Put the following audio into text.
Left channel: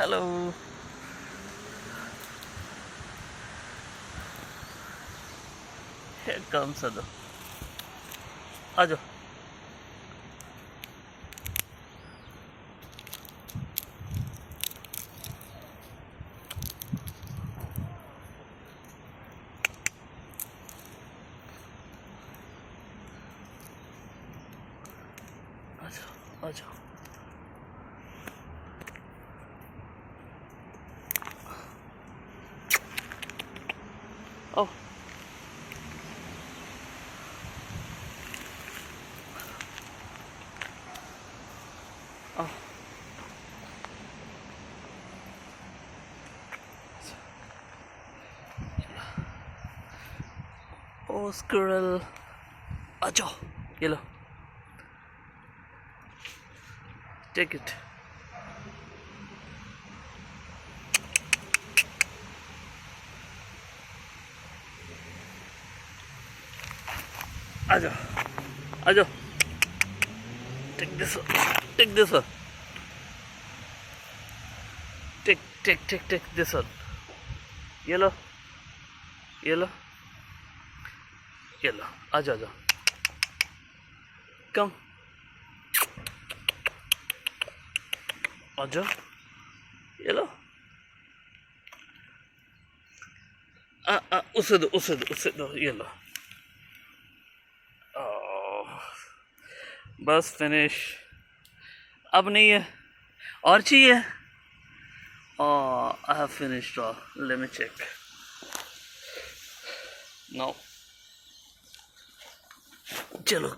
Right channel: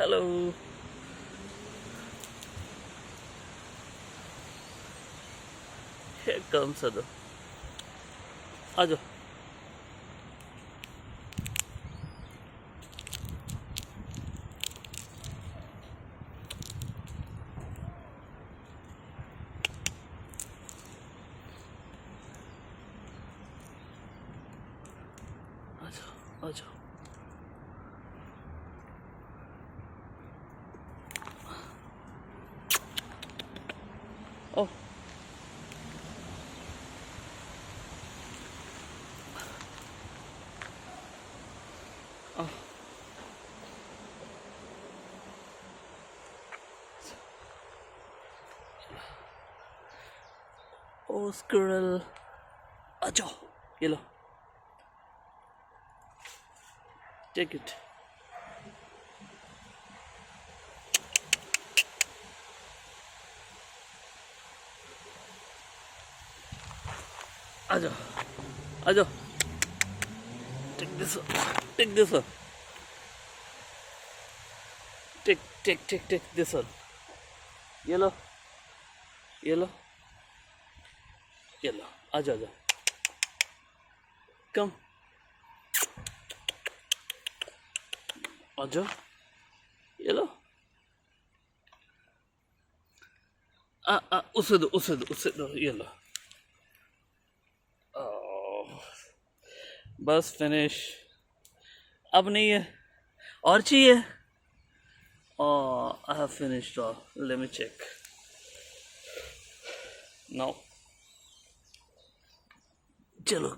Hello. Here comes Ado. Ajo. Ajo. Ajo. Oh. Oh. Oh, squirrel. Ajo. Yellow. Take it. Ajo. Ajo. Take this one. Take this one. Take this one. Yellow. Yellow. Yellow. Ajo, ajo. Come. Ajo. Yellow. उसे दो yellow. Oh. बस finish. अब नहीं है और चाहिए. Oh, I have finished all. Let me check. No. चलो